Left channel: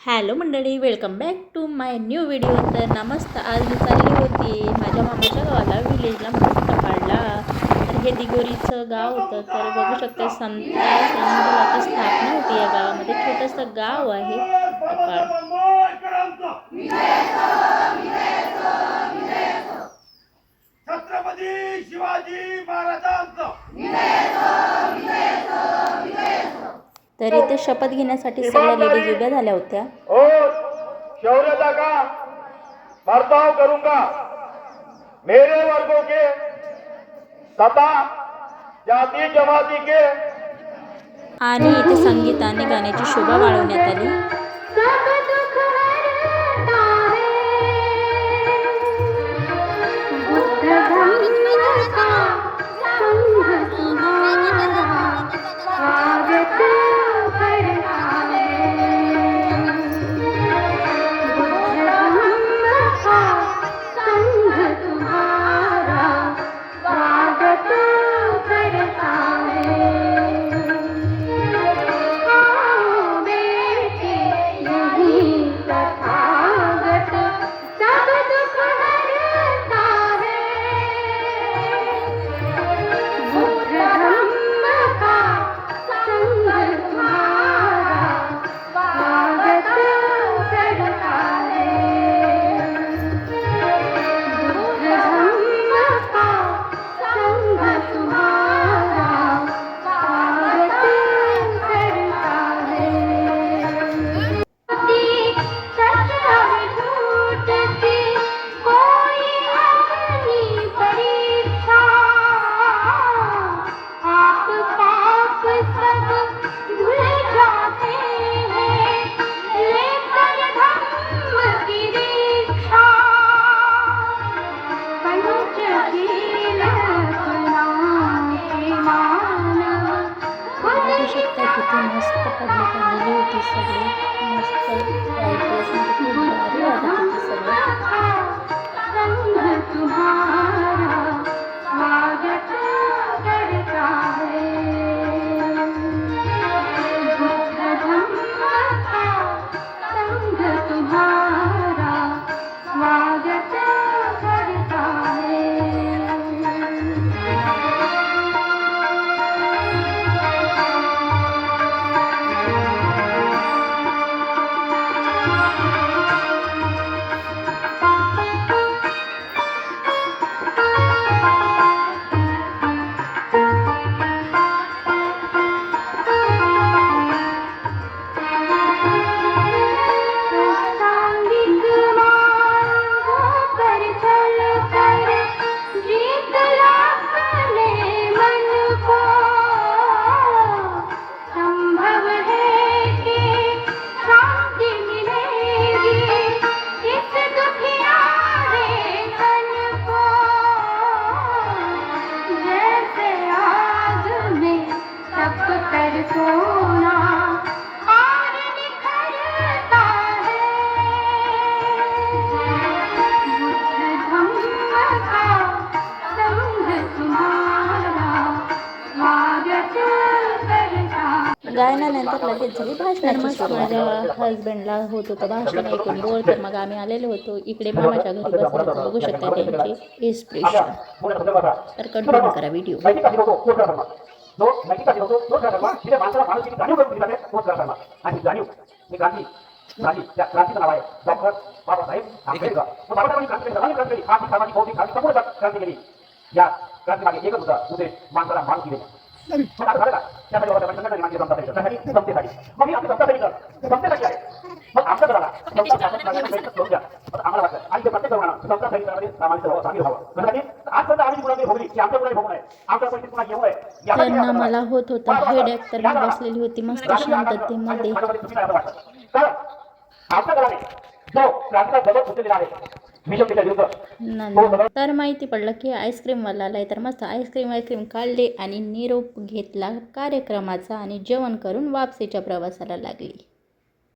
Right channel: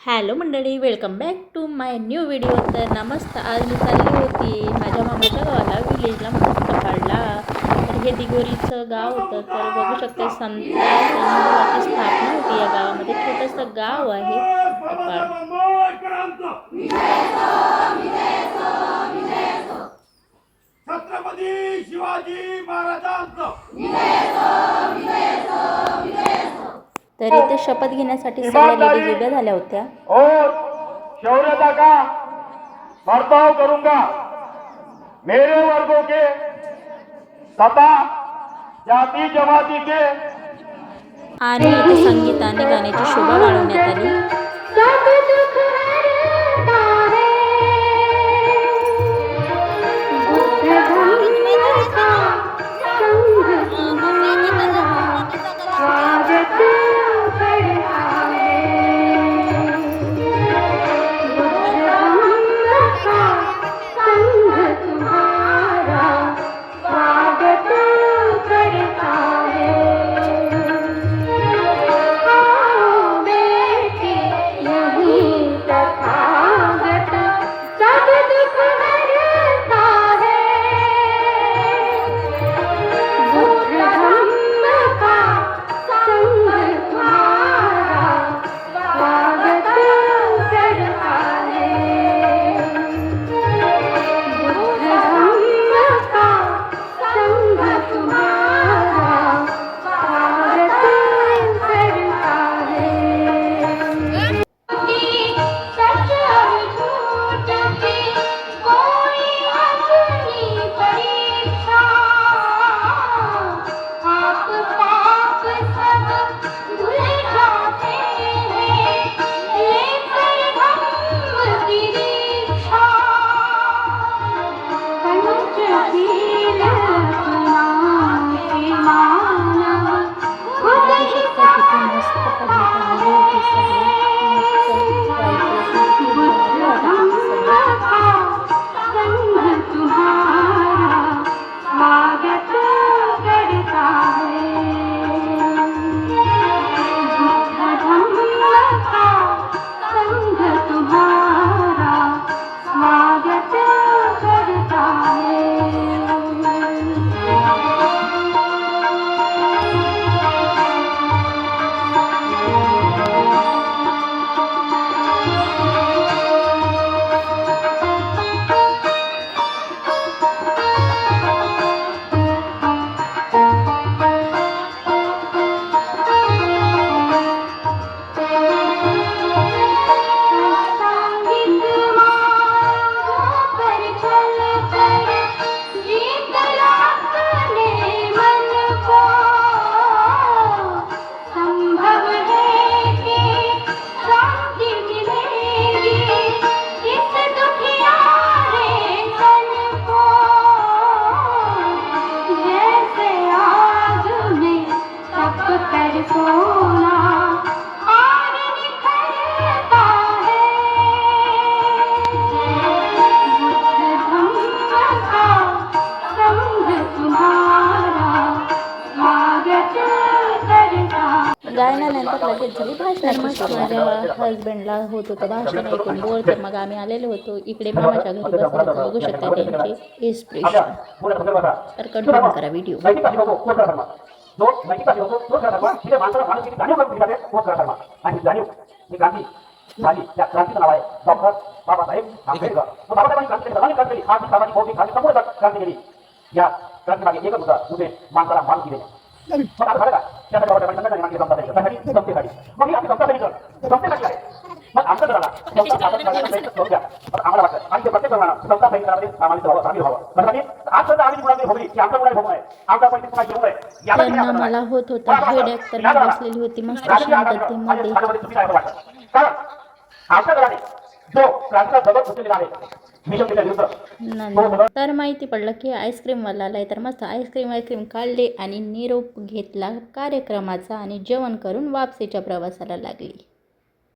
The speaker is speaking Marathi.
हॅलो मंडळी, welcome back to my new video. तर नमस्कार. आज मी चालली होती माझ्या मामाच्या गावाला, विलेजला, म्हणजे सकाळला. तर हे दिगोरीचं गाव होतं. तर बघू शकते संताची स्थापना होती या गावामध्ये. छोटंसं गाव आहे सकाळ. छत्रपती शिवाजी महाराजांचं. तर इथे शपथ घेण्यासाठी सगळ्या लेडीज उभ्या झाल्या होत्या. और शौर्यता का बर्ताव करूंगा, मेरे वर्गों के तथा जाति जमाती के. आणि इथे संगीताने गाण्याची शोभा वाढवण्यात आली. किती मस्त पब्लिक आलेली होती. सगळे मस्त व्हाईट ड्रेसमध्ये खूप भारी वाटत होते सगळे. गायनानंतर लगेच झाली भाषणाची सुरुवात. माझ्या हजबंडला होत होतं भाषण ऐकून बोर. तर मग आम्ही आलेलो होतो इकडे मामाच्या घरी बसले. तर बघू शकता त्यांचे एक्सप्रेशन. तर कंटिन्यू करा व्हिडिओ. क्रांतीचं नाव आहे डॉक्टर बाबासाहेब आंबेडकर. बाबासाहेबांनी क्रांती केली. या क्रांतीमागे एकच होता उद्देश, माणसाला माणुसकी देणे. मग आता झालं का? त्यासाठी बाबासाहेबांनी संघटना निर्माण केली समतेसाठी. मग ही आपली समतेसाठी आहे. मग आमचं करायला समता स्थापन करण्याचा प्रयत्न करून द्या. आम्हाला वाटतं आणि ते प्रत्येक जणांना समता सैनिकांमध्ये सामान्य व्हावं, सामील व्हावं. त्यासाठी आजपर्यंत आम्ही मुलांमध्ये भोगली की आमच्या मुलांनी भोगू नये, आमच्या परिस्थिती पुन्हा घेऊ नये. त्यांना मला होत होता हेडेक. तर मी बसलेली होती मस्त शांततेमध्ये. कारण आमच्या दलाने जो क्रांतीचा दगड उचललेला आहे तर माहिती पडलं की आईस्क्रीमवाला आलाय. तर मस्त आईस्क्रीम काढले आणि निरोप घेतला कार्यक्रमाचा आणि जेवण करून वापसीच्या प्रवासाला लागली.